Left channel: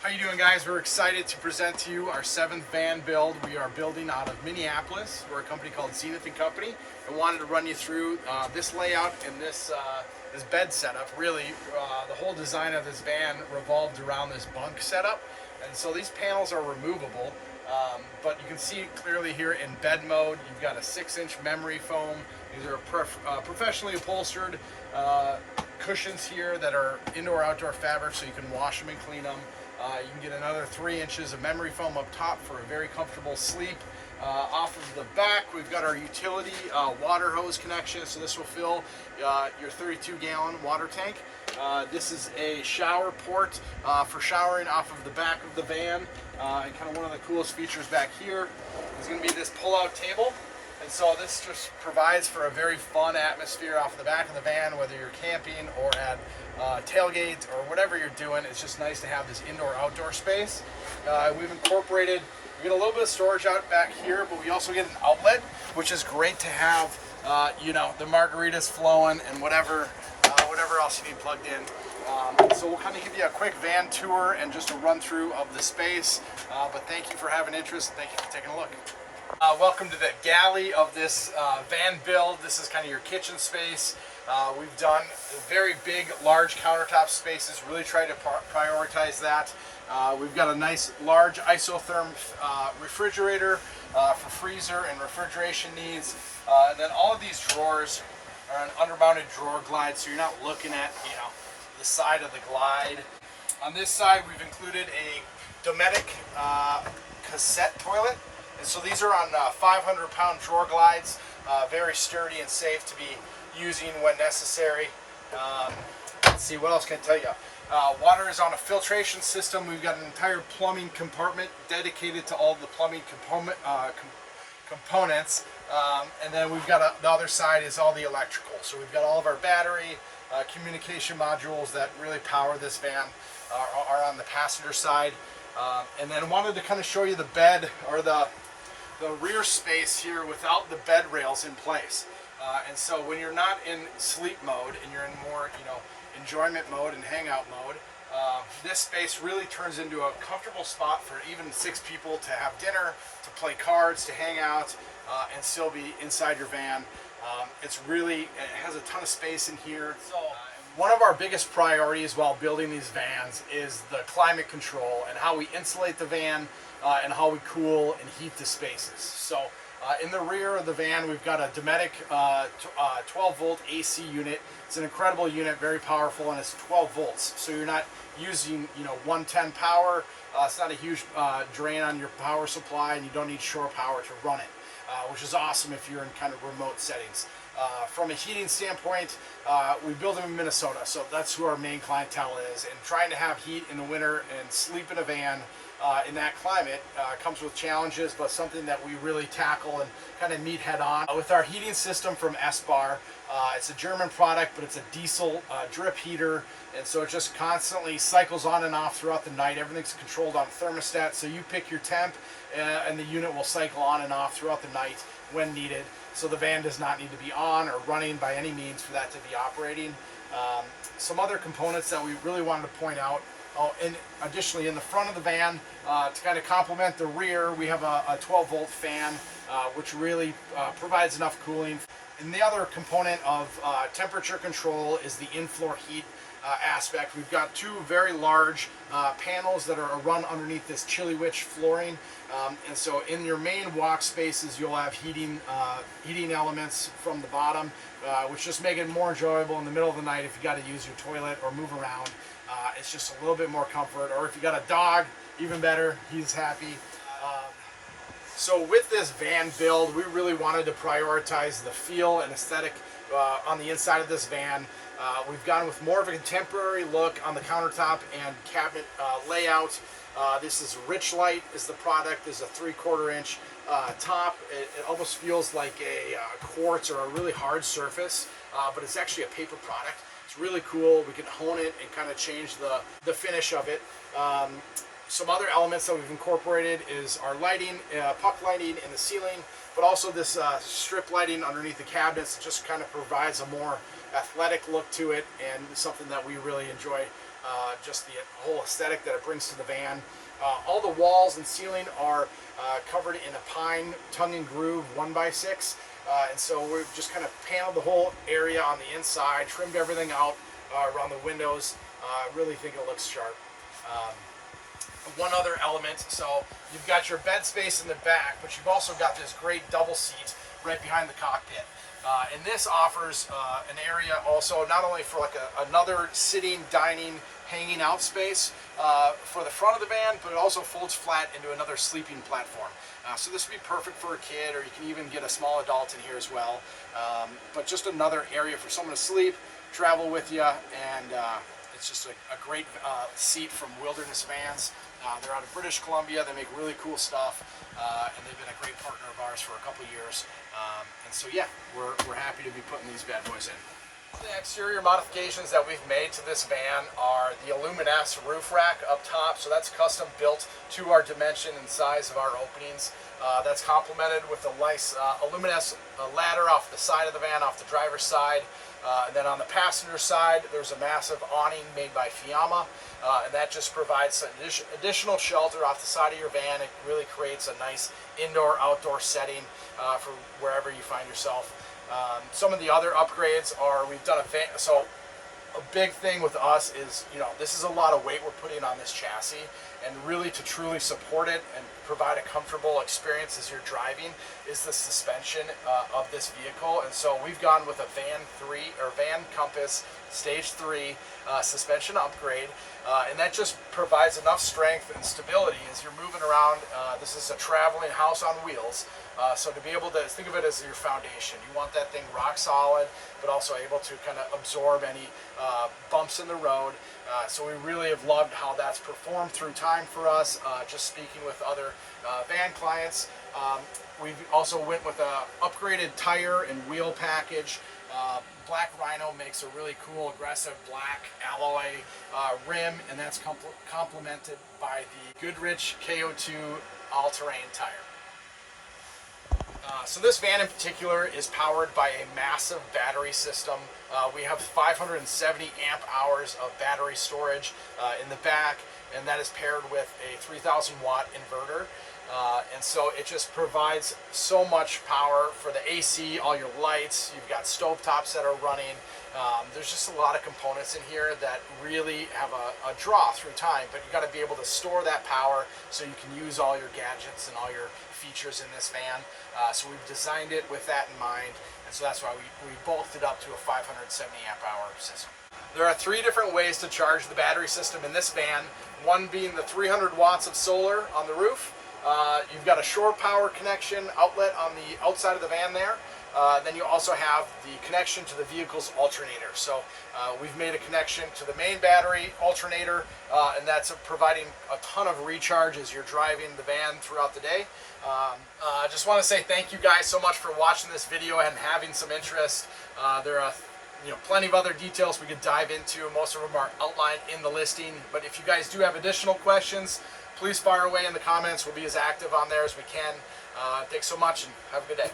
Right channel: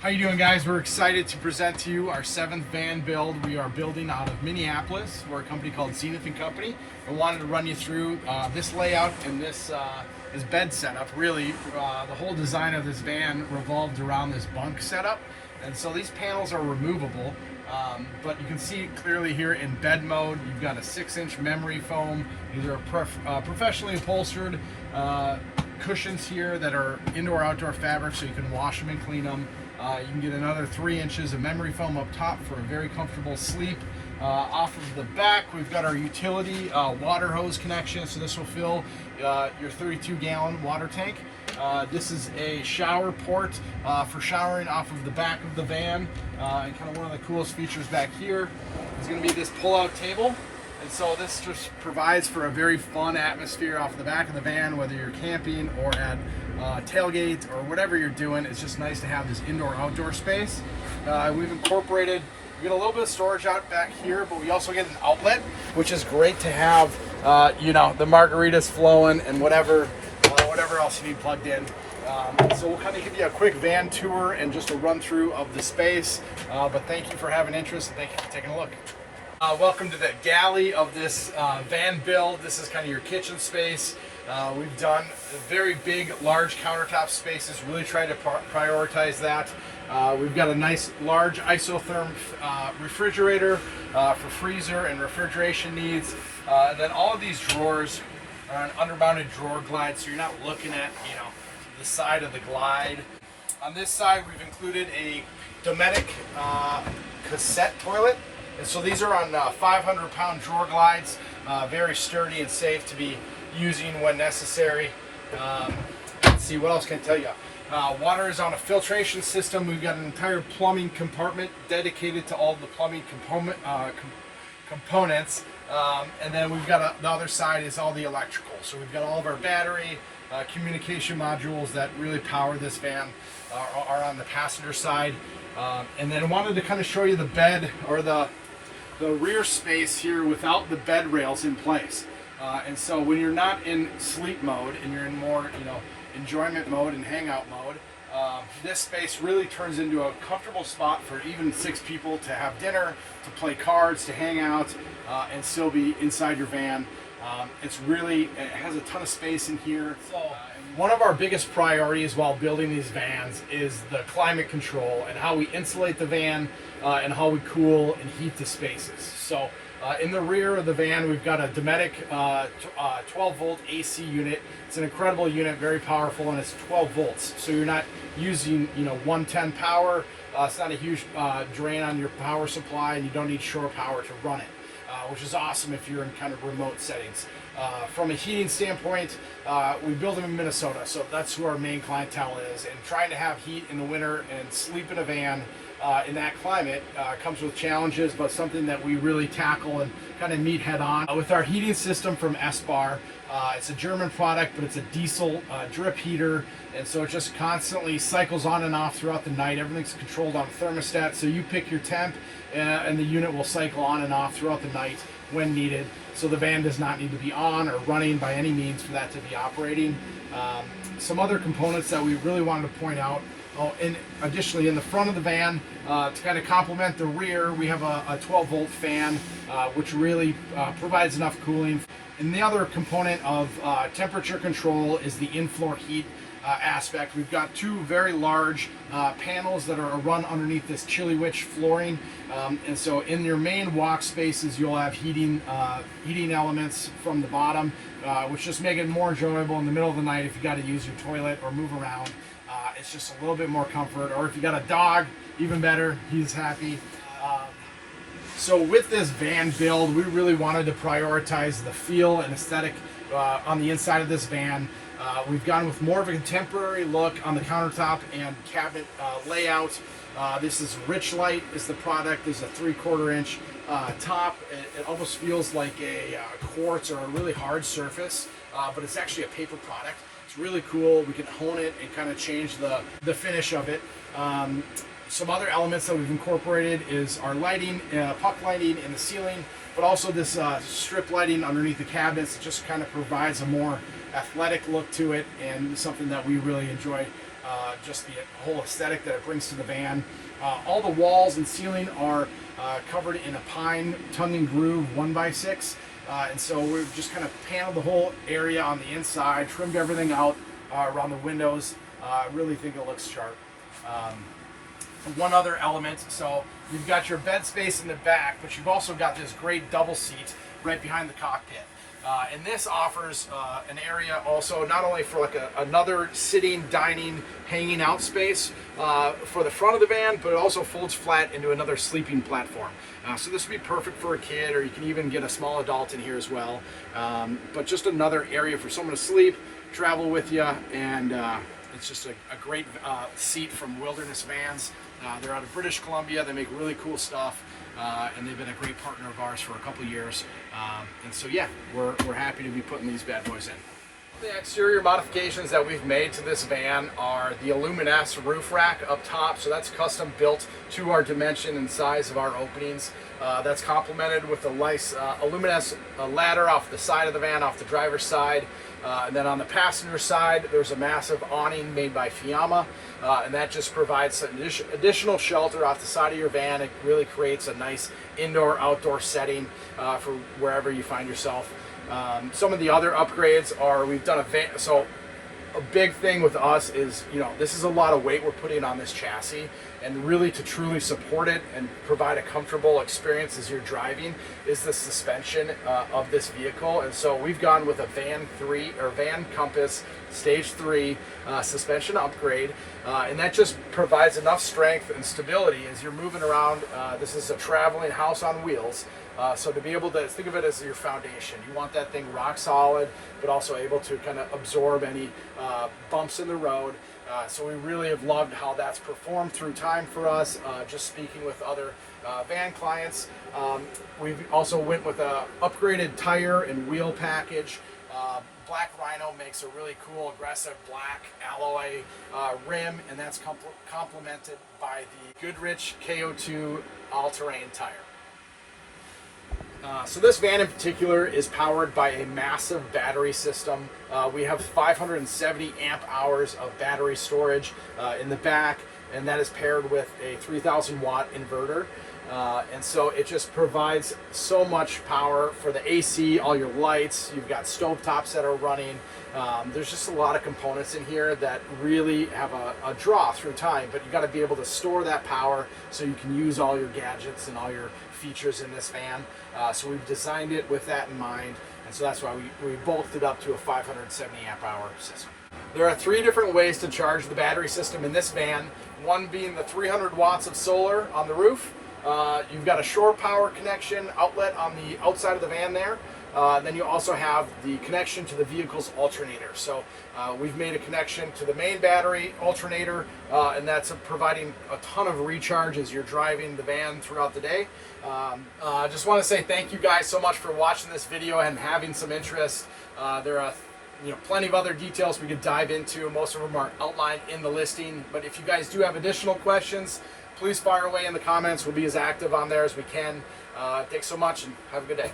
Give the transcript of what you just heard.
How you doing, guys? We're excited to present to you our 7th van build. We are building out of Minneapolis. We're a company called Zenith & Company, and wanted to run you through this layout and this bed setup. Really, the whole design of this van revolved around this bunk setup, and so these panels are removable. But you can see clearly here in bed mode, you've got a 6-inch memory foam. These are professionally upholstered cushions here that are indoor-outdoor fabric, so you can wash them and clean them. You can get another 3 inches of memory foam up top for a very comfortable sleep. Off of the back, we've got our utility water hose connection, so this will fill your 32-gallon water tank. This is a shower port for showering off of the back of the van. And kind of one of the coolest features back here is going to be this pull-out table. And so this just provides for a very fun atmosphere off the back of the van, whether you're camping or at tailgate or whatever you're doing. It's just nice to have this indoor-outdoor space. We've incorporated, we get a little bit of storage out back here, but we also get an outlet, which is great to have, you know, the margaritas flowing and whatever else you need plugged in. So we'll kind of give you a quick van tour and just a run through of the space. But thank you for having interest, and thank you for taking a look. Welcome to the galley of this van build. This is kind of your kitchen space. We've done very big, large countertop spaces, really try to prioritize that. We've got a nice, large isotherm refrigerator for freezer and refrigeration needs. And then all of these drawers are an undermounted drawer glide, so you're not looking at, you know, the side of the glide. On this side, we've included a Dometic cassette toilet. And so these are on 500-pound drawer glides, very sturdy and safe to be using when necessary. Let's see, what else can I tell you? Water is on a filtration system. We've got an entire plumbing compartment dedicated to all the plumbing components. And then we've got the other side is all the electrical. So we've got all of our battery, communication modules that really power this van are on the passenger side. And then I wanted to kind of show you the bed, or the rear space here without the bed rails in place. And so when you're not in sleep mode and you're in more, you know, enjoyment mode and hangout mode, this space really turns into a comfortable spot for even 6 people to have dinner, to play cards, to hang out, and still be inside your van. It has a ton of space in here. So one of our biggest priorities while building these vans is the climate control and how we insulate the van and how we cool and heat the spaces. So in the rear of the van, we've got a Dometic 12-volt AC unit. It's an incredible unit, very powerful, and it's 12 volts. So you're not using, you know, 110 power. It's not a huge drain on your power supply, and you don't need shore power to run it, which is awesome if you're in kind of remote settings. From a heating standpoint, we build them in Minnesota, so that's who our main clientele is. And trying to have heat in the winter and sleep in a van in that climate comes with challenges, but something that we really tackle and kind of meet head on. With our heating system from S-Bar, it's a German product, but it's a diesel drip heater, and so it just constantly cycles on and off throughout the night. Everything's controlled on a thermostat, so you pick your temp, and the unit will cycle on and off throughout the night when needed. So the van does not need to be on or running by any means for that to be operating. Some other components that we really wanted to point out. Additionally, in the front of the van, to kind of complement the rear, we have a 12-volt fan, which really provides enough cooling. And the other component of temperature control is the in-floor heat aspect. We've got 2 very large panels that are run underneath this Chilly Witch flooring. And so in your main walk spaces, you'll have heating elements from the bottom, which just make it more enjoyable in the middle of the night if you got to use your toilet or move around. It's just a little bit more comfort. Or if you got a dog, even better, he's happy. So with this van build, we really wanted to prioritize the feel and aesthetic on the inside of this van. We've gone with more of a contemporary look on the countertop and cabinet layout. This is Rich Light is the product. There's a 3/4 inch top. It almost feels like a quartz or a really hard surface, but it's actually a paper product. It's really cool. We can hone it and kind of change the finish of it. Some other elements that we've incorporated is our lighting, puck lighting in the ceiling, but also this strip lighting underneath the cabinets. It just kind of provides a more athletic look to it, and something that we really enjoy just the whole aesthetic that it brings to the van. All the walls and ceiling are covered in a pine tongue and groove 1x6. And so we've just kind of paneled the whole area on the inside, trimmed everything out around the windows. I really think it looks sharp. One other element, so you've got your bed space in the back, but you've also got this great double seat right behind the cockpit. And this offers an area also not only for like another sitting, dining, hanging out space for the front of the van, but it also folds flat into another sleeping platform. So this would be perfect for a kid, or you can even get a small adult in here as well. But just another area for someone to sleep, travel with you, and it's just a great seat from Wilderness Vans. They're out of British Columbia. They make really cool stuff, and they've been a great partner of ours for a couple years. And so yeah, we're happy to be putting these bad boys in. The exterior modifications that we've made to this van are the Aluminess roof rack up top. So that's custom built to our dimension and size of our openings. That's complemented with a nice Aluminess ladder off the side of the van, off the driver's side. And then on the passenger side, there's a massive awning made by Fiamma, and that just provides some additional shelter off the side of your van. It really creates a nice indoor-outdoor setting for wherever you find yourself. Some of the other upgrades are, we've done a van, so a big thing with us is, you know, this is a lot of weight we're putting on this chassis, and really to truly support it and provide a comfortable experience as you're driving is the suspension of this vehicle. And so we've gone with a Van Compass Stage 3 suspension upgrade, and that just provides enough strength and stability as you're moving around. This is a traveling house on wheels. So to be able to think of it as your foundation, you want that thing rock solid, but also able to kind of absorb any bumps in the road. So we really have loved how that's performed through time for us. Just speaking with other van clients, we've also went with a upgraded tire and wheel package. Black Rhino makes a really cool, aggressive black alloy rim, and that's complemented by the Goodrich KO2 all-terrain tire. So this van in particular is powered by a massive battery system. We have 570 amp hours of battery storage in the back, and that is paired with a 3,000 watt inverter. And so it just provides so much power for the AC, all your lights. You've got stovetops that are running. There's just a lot of components in here that really have a draw through time, but you got to be able to store that power so you can use all your gadgets and all your features in this van. So we've designed it with that in mind, and so that's why we bulked it up to a 570 amp hour system. There are 3 different ways to charge the battery system in this van, one being the 300 watts of solar on the roof. You've got a shore power connection outlet on the outside of the van there. Then you also have the connection to the vehicle's alternator. So we've made a connection to the main battery alternator, and that's providing a ton of recharge as you're driving the van throughout the day. I just want to say thank you guys so much for watching this video and having some interest. There are plenty of other details we could dive into. Most of them are outlined in the listing, but if you guys do have additional questions, please fire away in the comments. We'll be as active on there as we can. Thanks so much, and have a good day.